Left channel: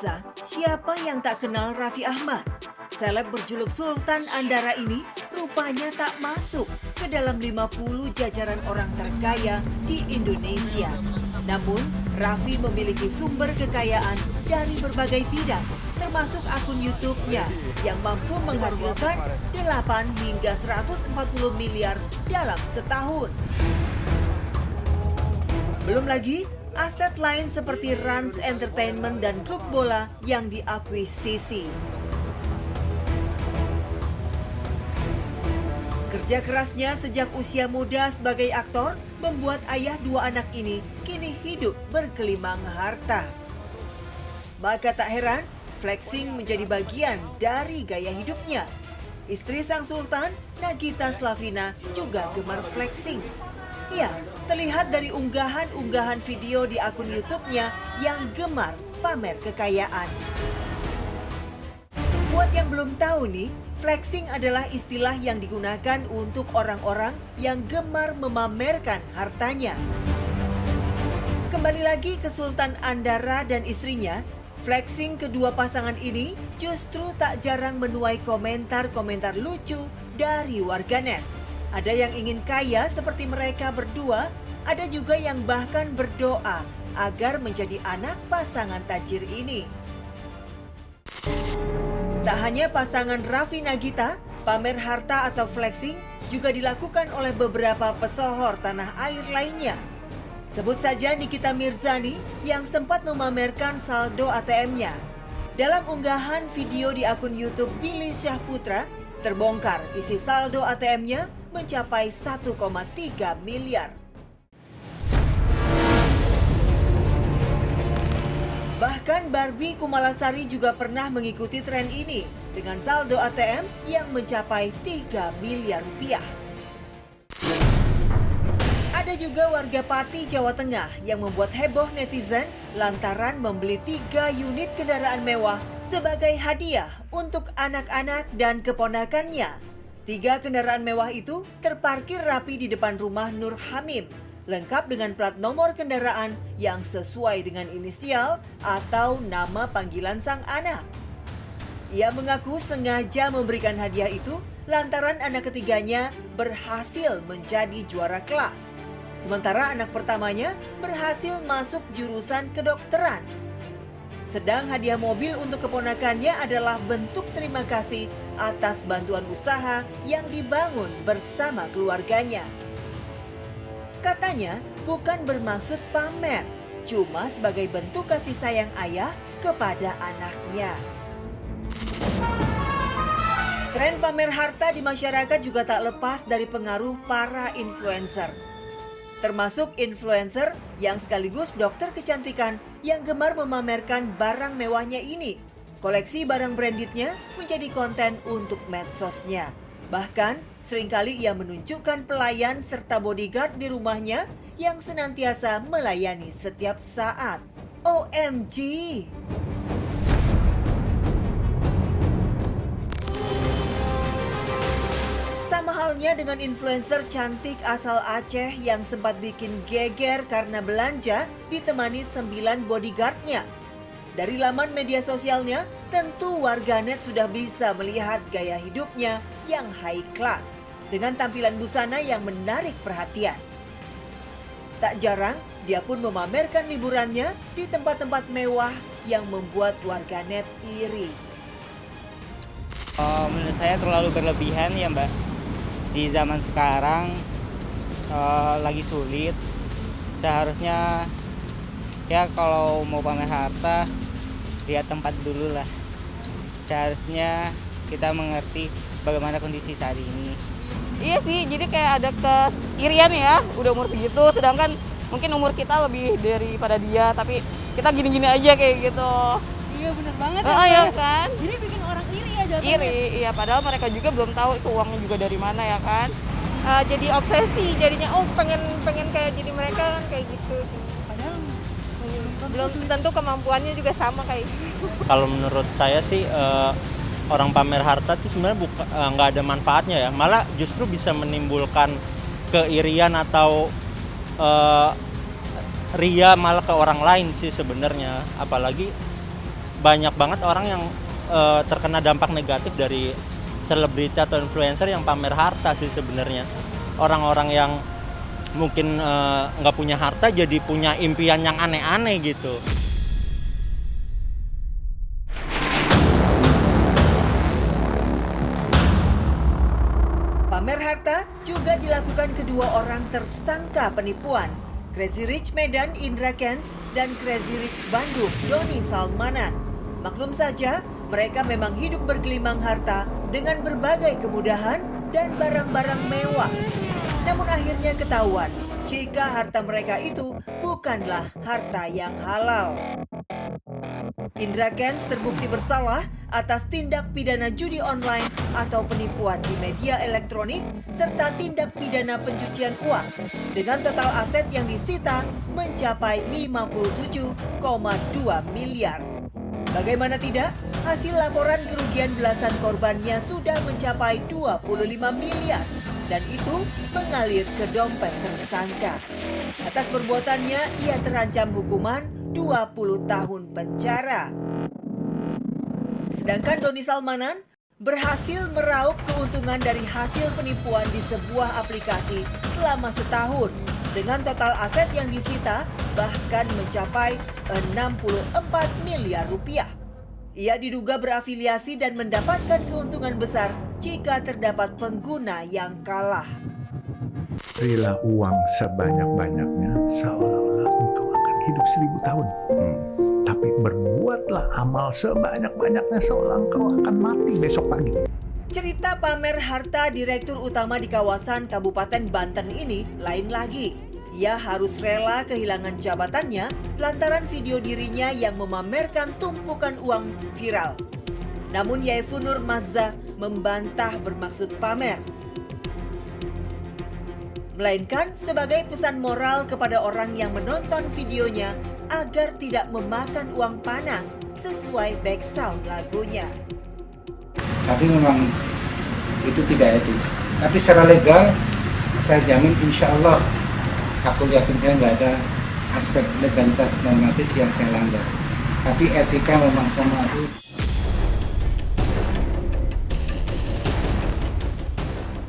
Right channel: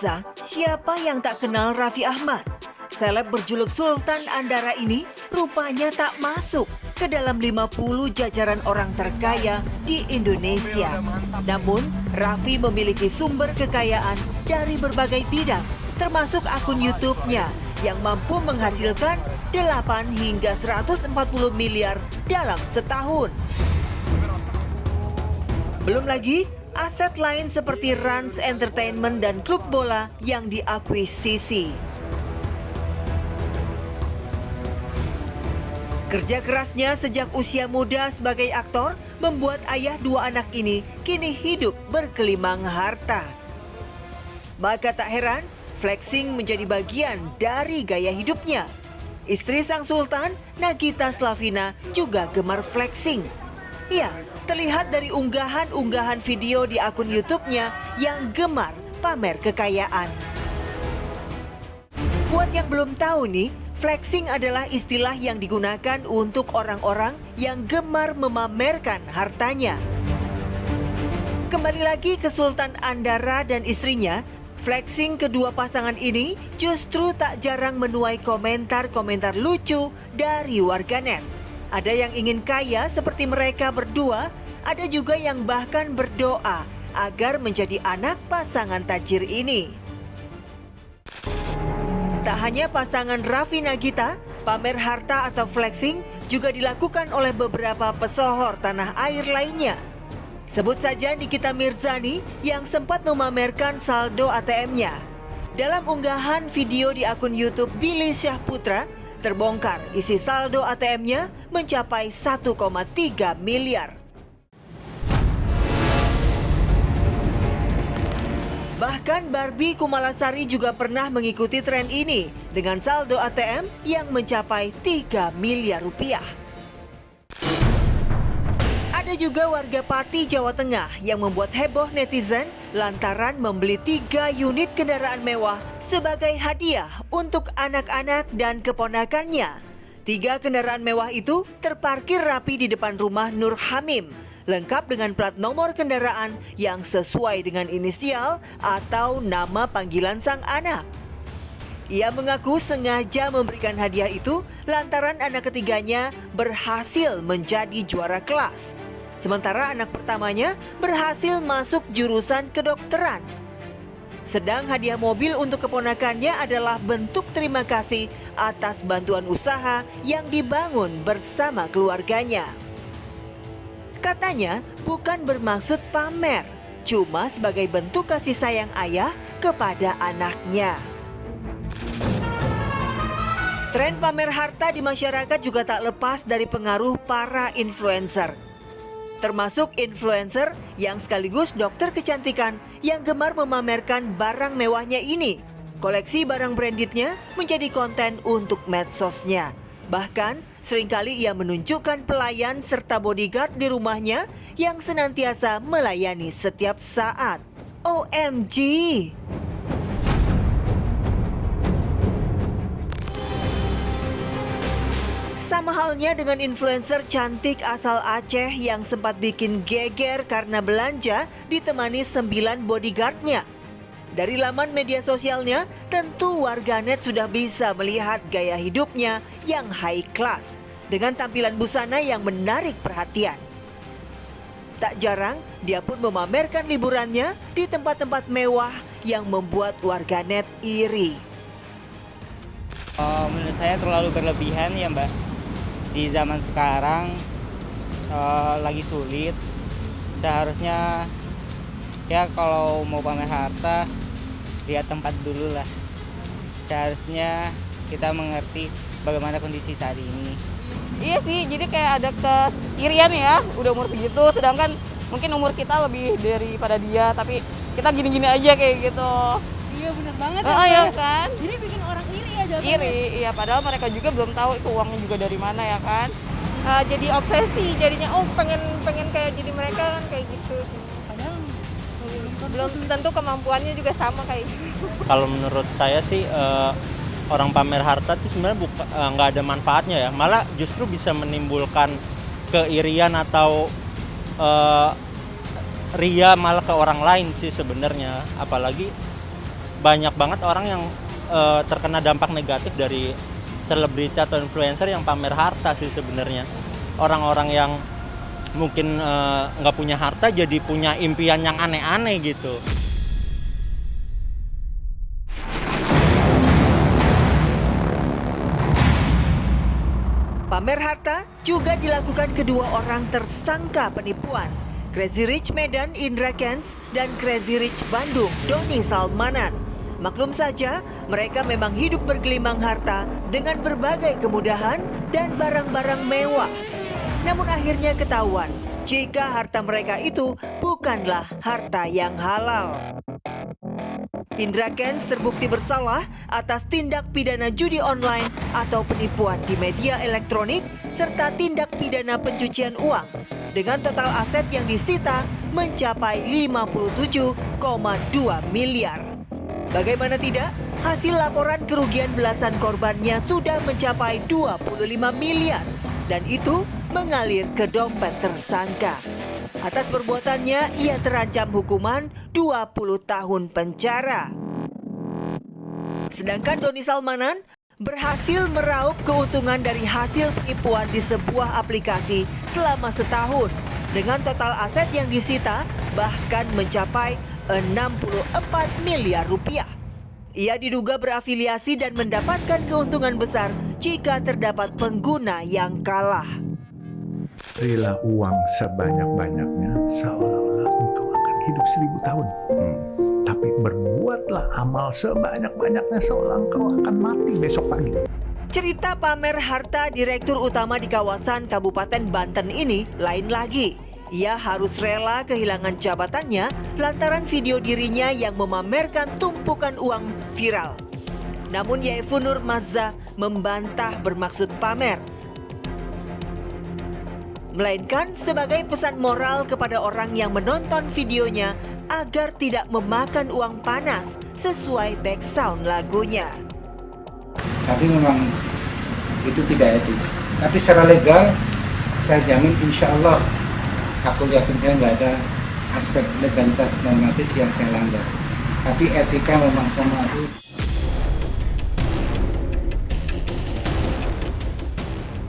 Pemirsa, siapa yang tak kenal Raffi Ahmad? Seleb berjuluk Sultan Andara ini rupanya tak masuk ke dalam 50 jajaran orang terkaya di Indonesia. Namun, Raffi memiliki sumber kekayaan dari berbagai bidang, termasuk akun YouTube-nya yang mampu menghasilkan 8 hingga 140 miliar dalam setahun. Belum lagi, aset lain seperti Rans Entertainment dan klub bola yang diakuisisi. Kerja kerasnya sejak usia muda sebagai aktor membuat ayah dua anak ini kini hidup berkelimang harta. Maka tak heran, flexing menjadi bagian dari gaya hidupnya. Istri sang sultan, Nagita Slavina, juga gemar flexing. Ya, terlihat dari unggahan-unggahan video di akun YouTube-nya yang gemar pamer kekayaan. Buat yang belum tahu nih, flexing adalah istilah yang digunakan untuk orang-orang yang gemar memamerkan hartanya. Kembali lagi ke Sultan Andara dan istrinya, flexing kedua pasangan ini justru tak jarang menuai komentar-komentar lucu dari warganet. Ada yang ingin kaya seperti mereka berdua, ada juga yang bahkan berdoa agar menjadi anak pasangan tajir ini. Tak hanya pasangan Raffi Nagita, pamer harta atau flexing juga dilakukan oleh beberapa pesohor tanah air lainnya. Sebut saja Nikita Mirzani yang sempat memamerkan saldo ATM-nya. Dalam unggahan video di akun YouTube Billy Syahputra, terbongkar isi saldo ATM-nya mencapai 1,3 miliar. Bahkan Barbie Kumalasari juga pernah mengikuti tren ini dengan saldo ATM yang mencapai 3 miliar rupiah. Ada juga warga Pati, Jawa Tengah yang membuat heboh netizen lantaran membeli 3 unit kendaraan mewah sebagai hadiah untuk anak-anak dan keponakannya. 3 kendaraan mewah itu terparkir rapi di depan rumah Nur Hamim, lengkap dengan plat nomor kendaraan yang sesuai dengan inisial atau nama panggilan sang anak. Ia mengaku sengaja memberikan hadiah itu lantaran anak ketiganya berhasil menjadi juara kelas. Sementara anak pertamanya berhasil masuk jurusan kedokteran. Sedang hadiah mobil untuk keponakannya adalah bentuk terima kasih atas bantuan usaha yang dibangun bersama keluarganya. Katanya bukan bermaksud pamer, cuma sebagai bentuk kasih sayang ayah kepada anaknya. Tren pamer harta di masyarakat juga tak lepas dari pengaruh para influencer. Termasuk influencer yang sekaligus dokter kecantikan yang gemar memamerkan barang mewahnya ini. Koleksi barang brandednya menjadi konten untuk medsosnya. Bahkan seringkali ia menunjukkan pelayan serta bodyguard di rumahnya yang senantiasa melayani setiap saat. OMG! Sama halnya dengan influencer cantik asal Aceh yang sempat bikin geger karena belanja ditemani 9 bodyguardnya. Dari laman media sosialnya, tentu warganet sudah bisa melihat gaya hidupnya yang high class dengan tampilan busana yang menarik perhatian. Tak jarang, dia pun memamerkan liburannya di tempat-tempat mewah yang membuat warganet iri. Menurut saya terlalu berlebihan ya Mbak. Di zaman sekarang lagi sulit. Seharusnya ya kalau mau pamer harta lihat tempat dulu lah. Seharusnya kita mengerti bagaimana kondisi saat ini. Iya sih, jadi kayak ada keirian ya, udah umur segitu, sedangkan mungkin umur kita lebih daripada dia, tapi kita gini-gini aja kayak gitu. Iya bener banget Ya kan? Jadi bikin orang iri aja. Iri, iya padahal mereka juga belum tahu itu uangnya juga dari mana ya kan. Jadi obsesi jadinya, pengen kayak jadi mereka kan kayak gitu. Padahal Belum tentu kemampuannya juga sama kayak gitu. Kalau menurut saya sih orang pamer harta itu sebenarnya nggak ada manfaatnya ya, malah justru bisa menimbulkan keirian atau ria malah ke orang lain sih sebenarnya. Apalagi banyak banget orang yang terkena dampak negatif dari selebriti atau influencer yang pamer harta sih sebenarnya. Orang-orang yang mungkin nggak punya harta jadi punya impian yang aneh-aneh gitu. Pamer harta juga dilakukan kedua orang tersangka penipuan, Crazy Rich Medan Indra Kents dan Crazy Rich Bandung Doni Salmanan. Maklum saja, mereka memang hidup bergelimang harta dengan berbagai kemudahan dan barang-barang mewah. Namun akhirnya ketahuan jika harta mereka itu bukanlah harta yang halal. Indra Kents terbukti bersalah atas tindak pidana judi online atau penipuan di media elektronik serta tindak pidana pencucian uang dengan total aset yang disita mencapai 57,2 miliar. Bagaimana tidak, hasil laporan kerugian belasan korbannya sudah mencapai 25 miliar dan itu mengalir ke dompet tersangka. Atas perbuatannya, ia terancam hukuman 20 tahun penjara. Sedangkan Doni Salmanan berhasil meraup keuntungan dari hasil penipuan di sebuah aplikasi selama setahun dengan total aset yang disita bahkan mencapai 64 miliar rupiah. Ia diduga berafiliasi dan mendapatkan keuntungan besar jika terdapat pengguna yang kalah. Berilah uang sebanyak-banyaknya seolah-olah engkau akan hidup 1000 tahun. Tapi berbuatlah amal sebanyak-banyaknya seolah engkau akan mati besok pagi. Cerita pamer harta Direktur Utama di kawasan Kabupaten Banten ini lain lagi. Ia harus rela kehilangan jabatannya lantaran video dirinya yang memamerkan tumpukan uang viral. Namun Yaifu Nur Mazza membantah bermaksud pamer, melainkan sebagai pesan moral kepada orang yang menonton videonya agar tidak memakan uang panas sesuai background lagunya. Tapi memang itu tidak etis. Tapi secara legal, saya jamin insya Allah, aku yakin saya nggak ada aspek legalitas normatif yang saya langgar. Tapi etika memang sama itu.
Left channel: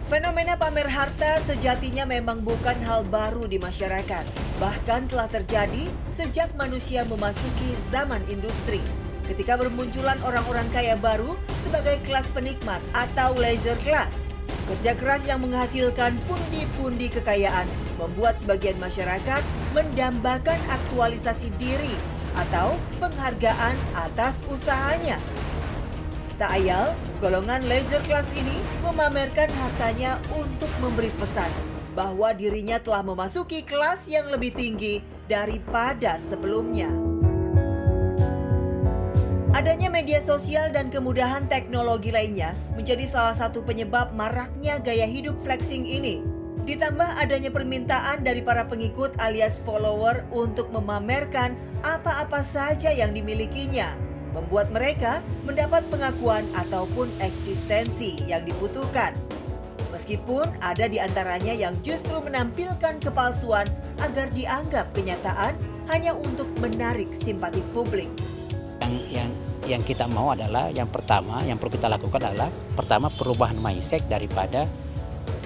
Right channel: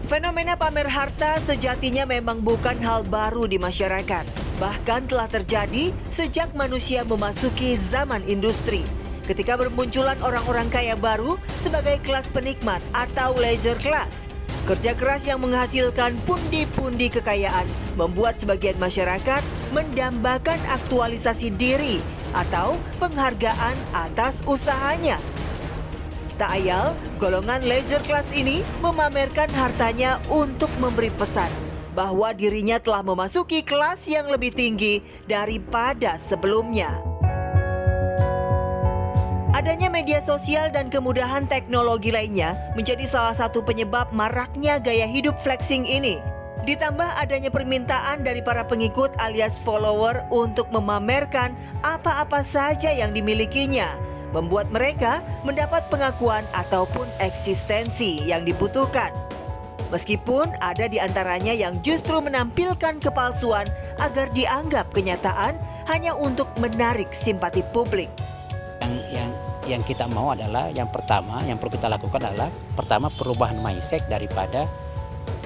Fenomena pamer harta sejatinya memang bukan hal baru di masyarakat. Bahkan telah terjadi sejak manusia memasuki zaman industri. Ketika bermunculan orang-orang kaya baru sebagai kelas penikmat atau leisure class. Kerja keras yang menghasilkan pundi-pundi kekayaan membuat sebagian masyarakat mendambakan aktualisasi diri atau penghargaan atas usahanya. Tak ayal, golongan leisure class ini memamerkan hartanya untuk memberi pesan bahwa dirinya telah memasuki kelas yang lebih tinggi daripada sebelumnya. Adanya media sosial dan kemudahan teknologi lainnya menjadi salah satu penyebab maraknya gaya hidup flexing ini. Ditambah adanya permintaan dari para pengikut alias follower untuk memamerkan apa-apa saja yang dimilikinya, membuat mereka mendapat pengakuan ataupun eksistensi yang dibutuhkan. Meskipun ada di antaranya yang justru menampilkan kepalsuan agar dianggap kenyataan hanya untuk menarik simpati publik. Yang kita mau adalah yang pertama, yang perlu kita lakukan adalah pertama perubahan mindset daripada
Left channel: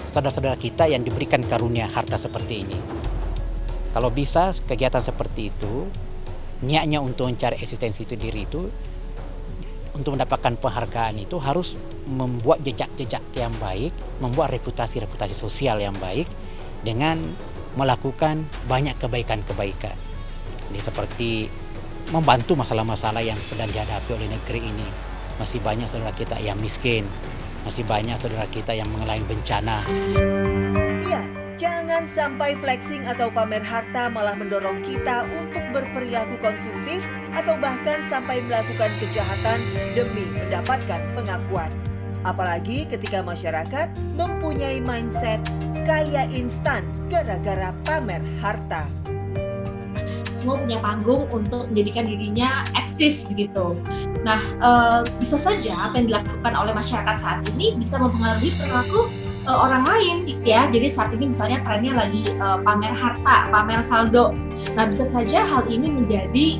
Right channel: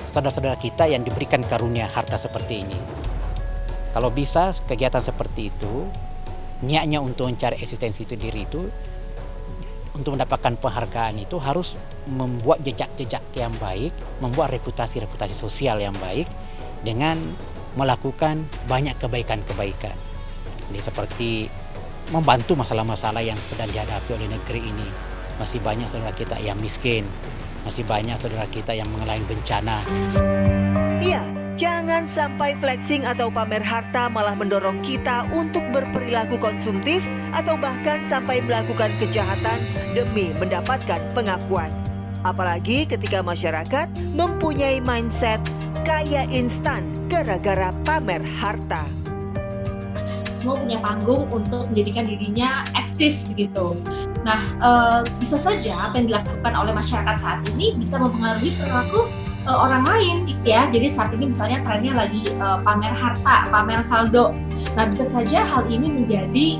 saudara-saudara kita yang diberikan karunia harta seperti ini. Kalau bisa kegiatan seperti itu, niatnya untuk mencari eksistensi itu diri itu, untuk mendapatkan penghargaan itu harus membuat jejak-jejak yang baik, membuat reputasi sosial yang baik dengan melakukan banyak kebaikan-kebaikan. Jadi seperti membantu masalah-masalah yang sedang dihadapi oleh negeri ini. Masih banyak saudara kita yang miskin, masih banyak saudara kita yang mengalami bencana. Iya, jangan sampai flexing atau pamer harta malah mendorong kita untuk berperilaku konsumtif atau bahkan sampai melakukan kejahatan demi mendapatkan pengakuan. Apalagi ketika masyarakat mempunyai mindset kaya instan gara-gara pamer harta. Semua punya panggung untuk menjadikan dirinya eksis begitu. Nah, bisa saja apa yang dilakukan oleh masyarakat saat ini bisa mempengaruhi perilaku orang lain ya. Jadi saat ini misalnya trennya lagi pamer harta, pamer saldo. Nah, bisa saja hal ini menjadi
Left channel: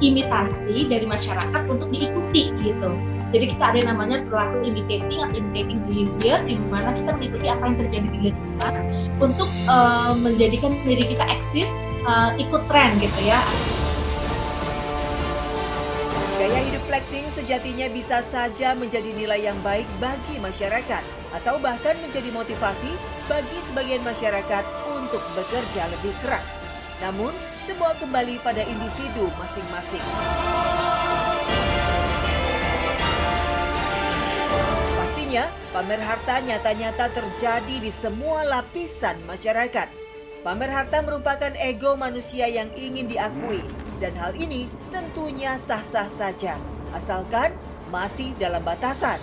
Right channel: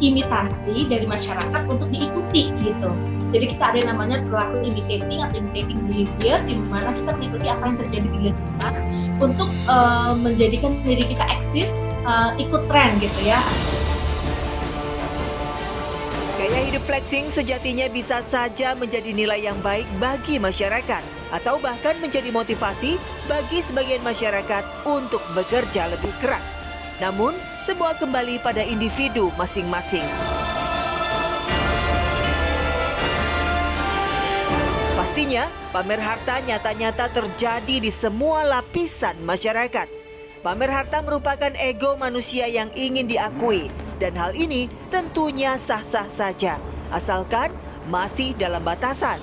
imitasi dari masyarakat untuk diikuti gitu. Jadi kita ada yang namanya perilaku imitating atau imitating behavior, di mana kita mengikuti apa yang terjadi di lingkungan untuk menjadikan diri kita eksis, ikut tren gitu ya. Gaya hidup flexing sejatinya bisa saja menjadi nilai yang baik bagi masyarakat atau bahkan menjadi motivasi bagi sebagian masyarakat untuk bekerja lebih keras. Namun, semua kembali pada individu masing-masing. Pastinya, pamer harta nyata-nyata terjadi di semua lapisan masyarakat. Pamer harta merupakan ego manusia yang ingin diakui, dan hal ini tentunya sah-sah saja, asalkan masih dalam batasan.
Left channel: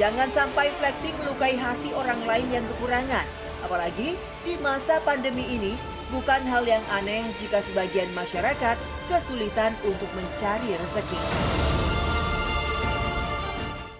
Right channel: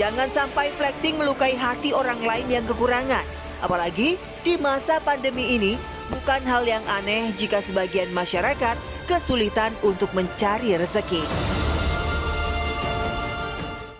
Jangan sampai flexing melukai hati orang lain yang kekurangan, apalagi di masa pandemi ini. Bukan hal yang aneh jika sebagian masyarakat kesulitan untuk mencari rezeki.